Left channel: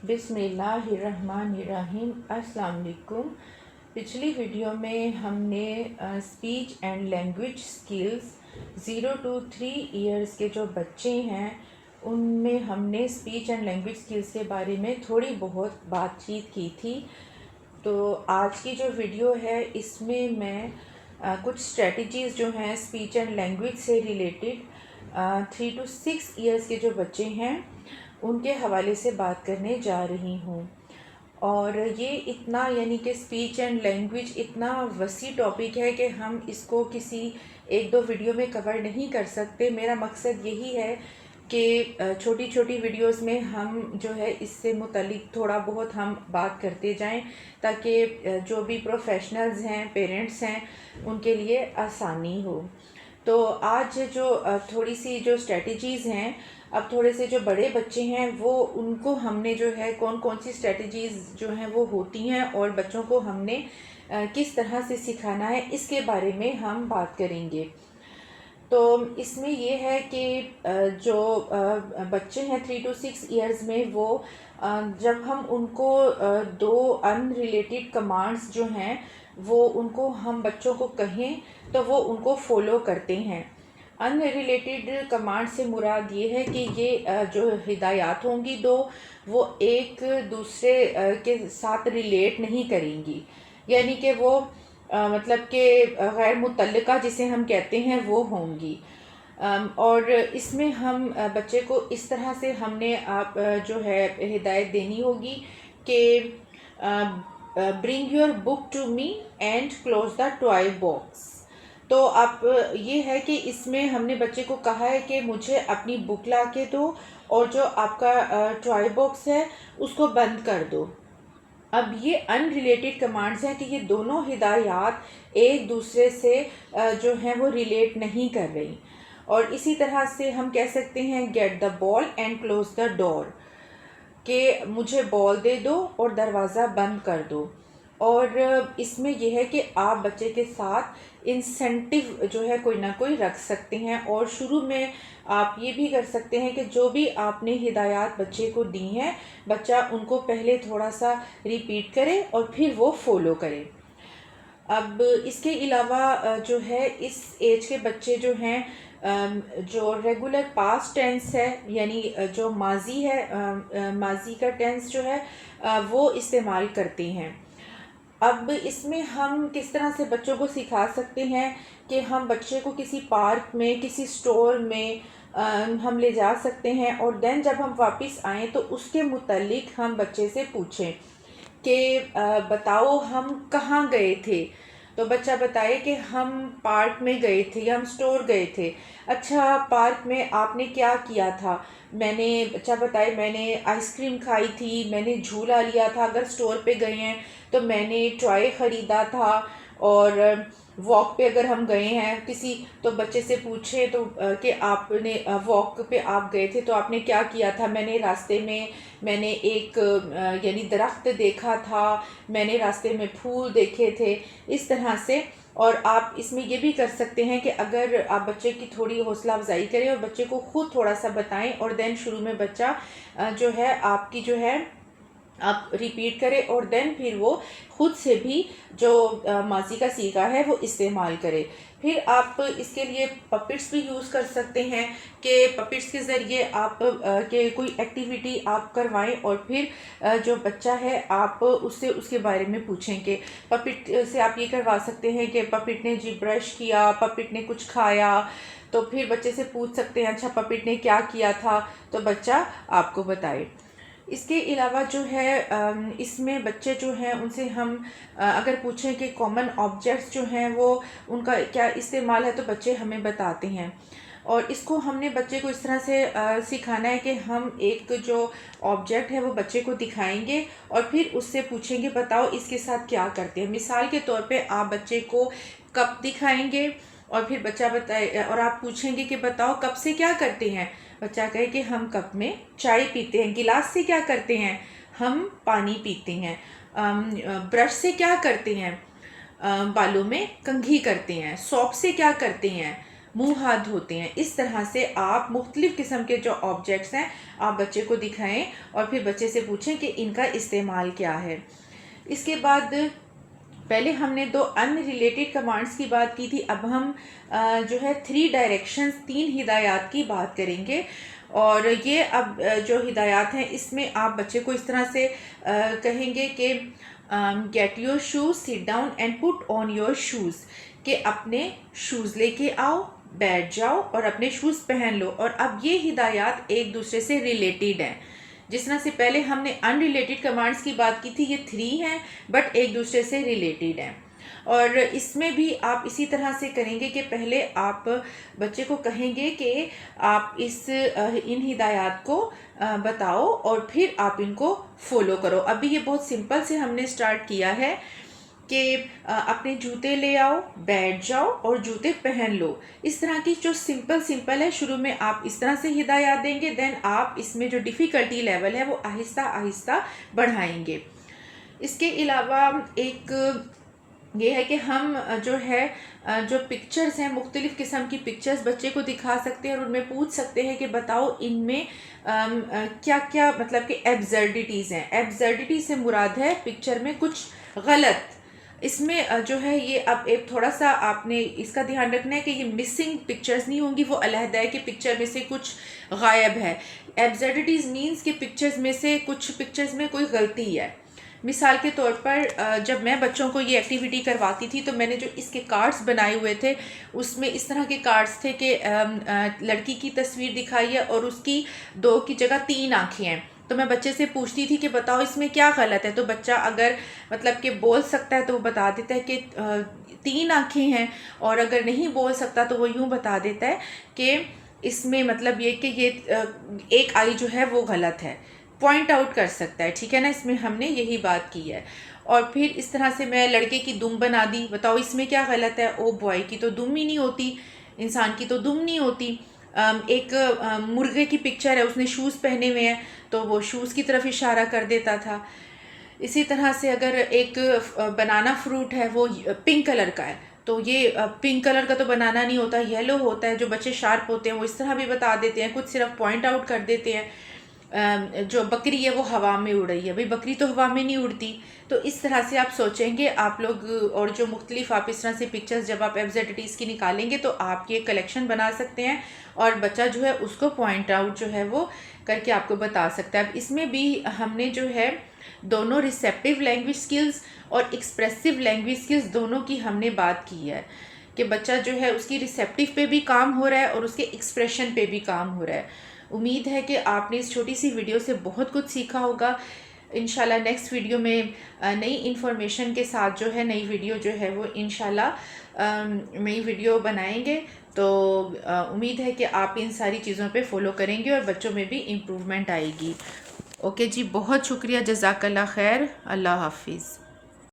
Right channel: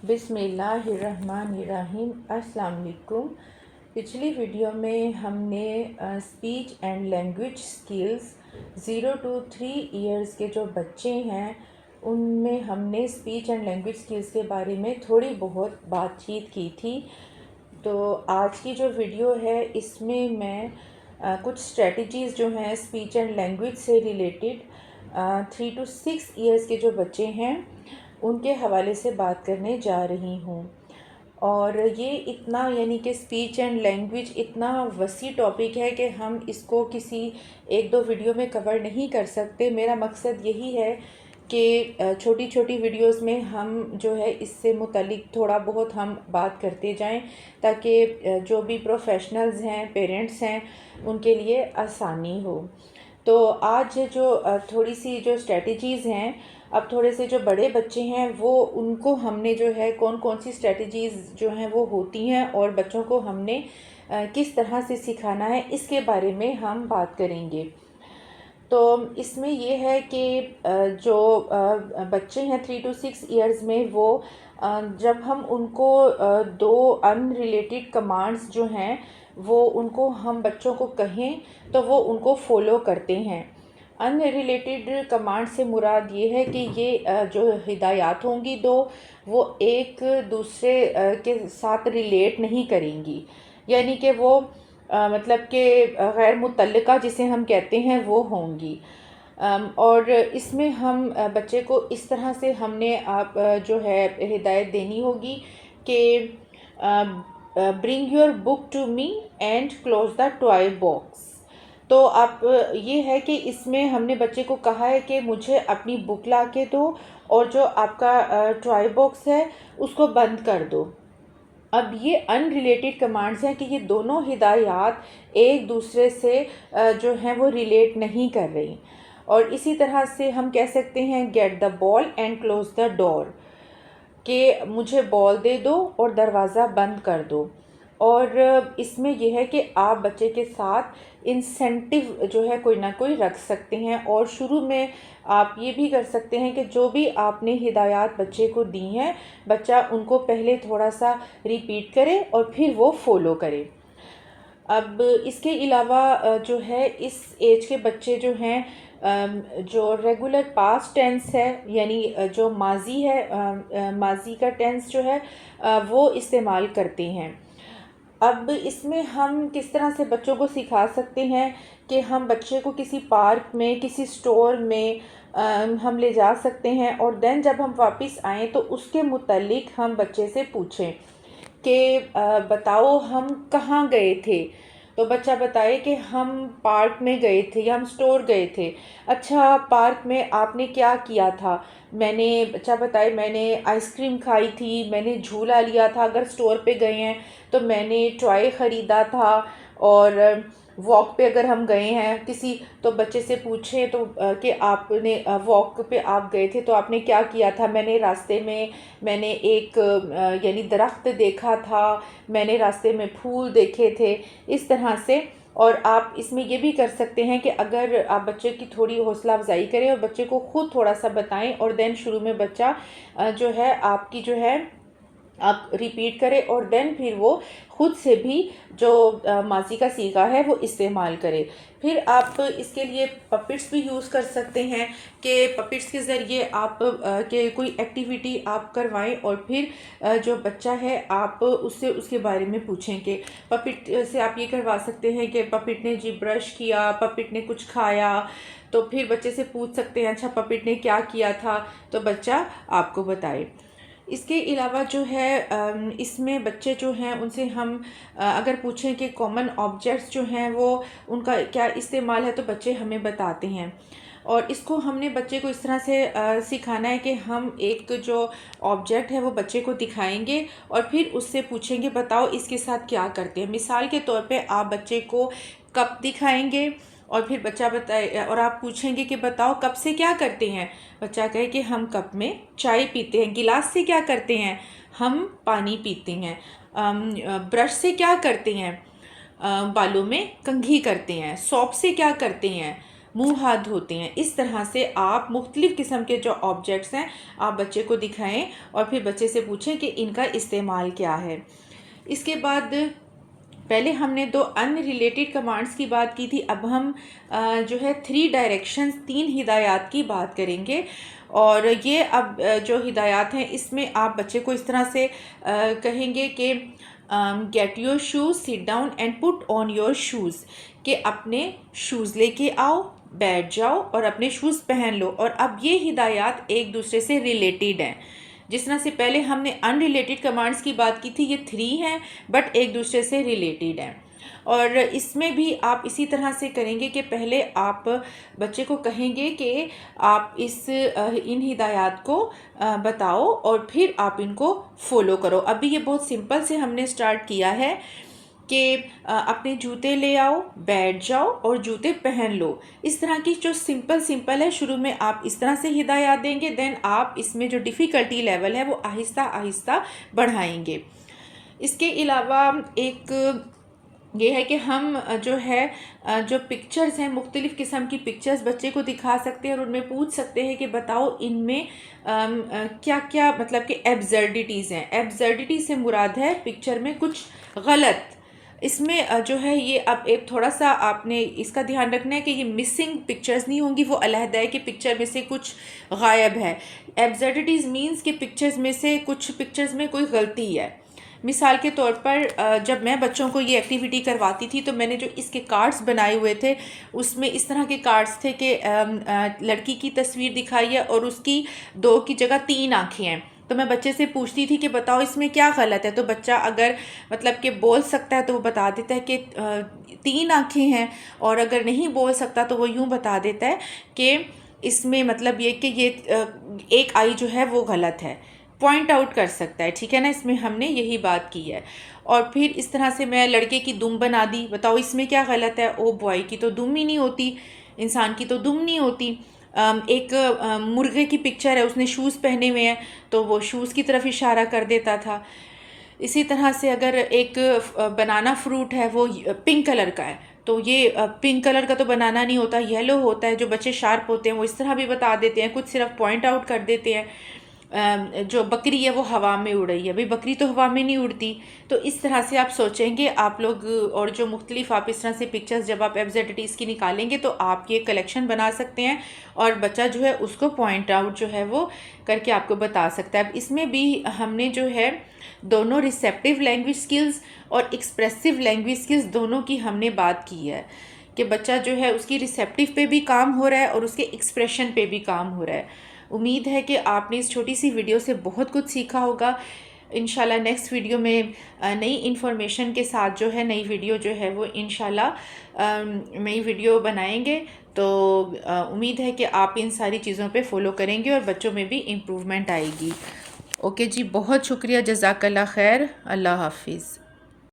बिस्मिल्लाहिर्रहमानिर्रहीम। अस्सलाम वालेकुम। पिछली वीडियो में हमने speech and language skills 0 to 3 years के जो बच्चे हैं उनमें हमने स्पीच एंड लैंग्वेज स्किल्स के बारे में थोड़ी बहुत बातचीत की थी। तो आज की जो वीडियो है इसमें मैं कुछ स्ट्रेटजीज़ जो हैं स्पीच एंड लैंग्वेज से रिलेटेड 3 to 6 इयर्स के जो बच्चे हैं उनके हवाले से बात करने जा रही हूँ। और ये इतना यानी कि स्पीच एंड लैंग्वेज इतना वसी टॉपिक है कि हम इसको किसी एक दो वीडियो में कवर नहीं कर सकते। मेरा मकसद यही है कि छोटी छोटी वीडियोस में हम जो है इससे मुतल्लिक थोड़ा बहुत हम बात करते जाएं ताकि जो भी प्रोफेशनल्स हैं, पेरेंट्स हैं, उनके लिए आसानी हो। तो आज जो थोड़ी सी जो स्ट्रेटजीज़ हैं, अब थोड़े से जो बड़े बच्चे हैं वो उनको हमने जो है कौन कौन सी स्ट्रेटजीज़ जो हैं वो होती हैं और बच्चों को हमने किस तरह से सिखाना है इसके बारे में हम बात करेंगे। तो इसमें ये है कि जो बच्चे हैं 3 to 6 इयर्स में वो जब हम उनको दो अनरिलेटेड कमांड्स जो हैं वो उनको हम बच्चों को कहें तो वो उनको फॉलो करते हैं। अनरिलेटेड कमांड से मुराद ये है कि ये जो हिदायत होंगी दो वो एक दूसरे के साथ रिलेट नहीं करेंगी, यानी कि वो मतलब कि गैर मुतल्लिका जिसे हम कहते हैं वो होंगी। और इसमें हम बच्चे को इस तरह से हमने आप जो है हिदायत देनी होगी कि bring your book to me and close the toy box. तो आप ये है कि इसमें हमने बच्चे को कहा है कि मुझे अपनी बुक ला के दो और जो आपका टॉय बॉक्स है उसको बंद कर दो। अब ये अनरिलेटेड कमांड्स हैं कि ये दोनों हिदायत एक दूसरे से जो हैं वो रिलेट नहीं कर रही। और इसी तरह से हम कह सकते हैं get the ball and close the door, कि मुझे बॉल दे दो और दरवाज़ा बंद कर दो। और इसमें यह है कि आप बच्चे के साथ इंसेंटिव जो है कोई ना कोई रख सकते हैं और शुरू में आप ये भी कर सकते हैं कि जो भी आपने हिदायत बच्चे को दी हैं बच्चा उनको पहले थोड़ा सा रिपीट करे और फिर वो फॉलो करे। अब इसके अलावा जो है इस एज के बच्चे जो हैं जो रेगुलर पास्ट टेंस है यानी जो माजी है, माजी का टेंस जो है वो इस्तेमाल करते हैं। अब इसमें हम किस तरह से बच्चों को सिखा सकते हैं कि हम बच्चे को किसी पार्क में, किसी स्टोर में हम ले जा सकते हैं और देन जब हम वापस आएँ तो उसके मुतालिक हम बच्चे से पूछें कि बताओ हम कहाँ गए थे। तो बच्चा बताए कि हम पार्क में गए थे या हम स्टोर गए थे। अच्छा, पार्क में आपने क्या किया था? मैंने, बच्चा बताए, मैंने आइसक्रीम खाई थी, मैंने झूला लिया था। अगर स्टोर पे गए हैं तो मैंने टॉय ख़रीदा था। और वॉक पे अगर हम गए हैं किसी, तो बच्चे से पूछें तो कि आपने वॉक पे आप गए थे तो आपने क्या किया था? मैंने रास्ते में मैंने एक यानी दरख्त देखा था, मैंने रास्ते में फूल देखे थे, इस तरह से। और आप इसमें ये भी कर सकते हैं कि अगर आप बच्चे की थोड़ी हौसला अफजाई करें और बच्चे को ख़ुद थोड़ा सा बताएं और देन शुरू में बच्चा जो है आपकी जो है आप रिपीट करें और देन फिर वो खुद से भी जो माजी का सीगा है वो इस्तेमाल करे। फिर आप इसके लिए पपिट्स भी यूज़ कर सकते हैं कि पपिट्स के ज़रिए आप के कोई एक्टिविटी आप करवाएं और फिर जो बच्चा है आप उससे उसके बारे में पूछें कि पपिट से आप ये करवा सकते हैं कि पपिट ने जी ब्रश किया, पपिट ने कुछ खाया। तो फिर बच्चे से पूछ सकते हैं अच्छा पपिट ने क्या किया था, तो बच्चा आपको बताए। इसके अलावा जो है इसमें बच्चे जो हैं उनसे हम अगर पूछें कि कॉमन ऑब्जेक्ट्स जो हैं वो उनका क्या इस्तेमाल है तो बच्चे हमें बताते हैं। और इसको हमने बच्चे को इस तरह से सिखाना है कि हम एक जो ऑब्जेक्ट है वो बच्चे को दिखाएंगे और फिर उससे पूछेंगे बताओ इसके साथ क्या करते हैं। मिसाल के तौर पे आप बच्चे को कप दिखाएंगे और फिर बच्चा बताए और आप पूछेंगे कि बताओ कप से क्या करते हैं। बच्चा कहे कि हम कप में चाय पीते हैं। गिलास से क्या करते हैं? हम पानी पीते हैं। ब्रश से क्या करते हैं? बालों में कंघी करते हैं। सौंफ से क्या करते हैं? मुंह हाथ धोते हैं। इस तरह से आप मुख्तलिफ़ किस्म के जो ऑब्जेक्ट्स हैं आप बच्चे को दिखाएं और फिर बच्चे से पूछें कि इनका इस्तेमाल क्या है। इसके बाद पहले हमने 2 अनरिलेटेड कमांड्स की बात की थी, अब हम जो है 3 डायरेक्शंस 3 हिदायत की बात करेंगे। और ये अब जो हिदायत हैं इसमें आप बच्चे को इस तरह से कहेंगे कि get your shoes, sit down and put on your shoes, कि अपने शूज़ लेके आओ, बैठ जाओ और अपने शूज़ पहन लो। और अब ये हिदायत एक दूसरे से रिलेटेड हैं। जिस तरह से पहले हमने अनरिलेटेड कमांड्स की बात की थी, ये 3 हैं बट एक दूसरे से रिलेटेड हैं। और इसमें भी आप इसी तरह से करेंगे कि पहले आप बच्चे को कहेंगे कि आप इन हिदायत को बताओ और फिर आप इनको फॉलो करो। अभी ये बहुत सिंपल से हमने स्टार्ट किया है कि अपने जूते ले आओ, बैठ जाओ और जूते पहन लो। इस तरह की जो सिंपल है, शुरू में आप इस तरह से हिदायत देंगे, देन आप इसमें जो डिफ़िकल्टी लेवल है वो आहिस्ता आहिस्ता बढ़ाएंगे। इसके अलावा एक ये है कि हम जो है जो पिक्चर्स हैं, मुख्तलिफ़ किस्म की पिक्चर्स बच्चे को दिखा सकते हैं और उनमें पूछ सकते हैं कि बताओ इनमें क्या क्या मतलब कि एब्सर्डिटीज़ हैं। एब्सर्डिटी से मुराद है पिक्चर में कुछ गलत। इसमें जो है ये अब एक थोड़ा सा आपने इसका ध्यान रखना है कि ये मिसिंग पिक्चर्स नहीं होंगी, वो अलहदा है कि पिक्चर में से कुछ गायब है। एब्सर्डिटीज़ मीन्स कि पिक्चर्स में से कुछ पिक्चर्स में कोई गलती है। मिसाल के तौर पर जब मैं बच्चों को ये एक्टिविटी करवाती थी तो मैंने जो इसके कार्ड्स बनाए हुए थे उसमें इस तरह के कार्ड्स थे कि लड़की की तस्वीर दिखाई है और उसकी 2 की जगह 3 आँखें हैं। तो मैं बच्चे से पूछती थी कि बताओ इसमें क्या गलत है। तो बच्चा अगर मतलब कि बोल सकता है तो वो बता देता है कि 3 आँखें हैं, और अगर नहीं बोल सकता तो वो यूँ बता देता है कि इसमें मतलब ये कि ये एक आई जो है वो गलत है, पॉइंट आउट कर सकता है। ठीक है ना, इसमें हमने यही बात की है। और फिर इस तरह से मैं लड़के की दुम बना दी, बताओ इसमें क्या गलत है। ओ बॉय की तो दुम ही नहीं होती, इंसान की तो दुम नहीं होती। एक मुर्गे की पिक्चर है, उसने शूज़ पहने हुए हैं तो वो शूज़ की तरफ इशारा कर देता था। इसी तरह से अगर एक बनाना फ्रूट है वो पिंक कलर का है तो ये पिंक कलर का तो बनाना नहीं होता, येलो होता है। जो बच्चे शार्प होते हैं वो इस तरह भी बता देते हैं, कुछ सिर्फ पॉइंट आउट कर देते हैं। जो बकरी है वो हवा में उड़ रही है, भाई बकरी तो हवा में नहीं उड़ती। तो इस तरह से आप सोचेंगे आप लोग, और जो मुख्तलिफ आप इस तरह से पिक्चर्स जब आप एब्सर्डिटीज़ की निकालेंगे तो आप ये कलेक्शन बना सकते हैं और बच्चा जो है उसको पॉइंट आउट जो है वो करके आपको बता सकता है। अब इसमें भी हमने जो है दोनों रिसेप्टिव लैंग्वेज स्किल्स और एक्सप्रेसिव लैंग्वेज स्किल्स दोनों की हमने बात की है कि बच्चा जो है उसकी रिसेप्टिव पे भी काम हो रहा है और उसके एक्सप्रेशन पे भी काम हो रहा है। उम्मीद है कि आपने इस छोटी सी वीडियो से बहुत कुछ सीखा होगा। इंशाल्लाह नेक्स्ट वीडियो में नई इन्फॉर्मेशन के साथ जो है नई वीडियो जो है वो इंशाल्लाह नई वीडियो बनाएंगे। तो उम्मीद है कि आप इन सारी चीज़ों पे फॉलो करेंगे और बच्चों में भी इम्प्रूवमेंट आएगी। ओके जी, बहुत शुक्रिया, जज़ाकल्लाह खैर, अल्लाह हाफिज़।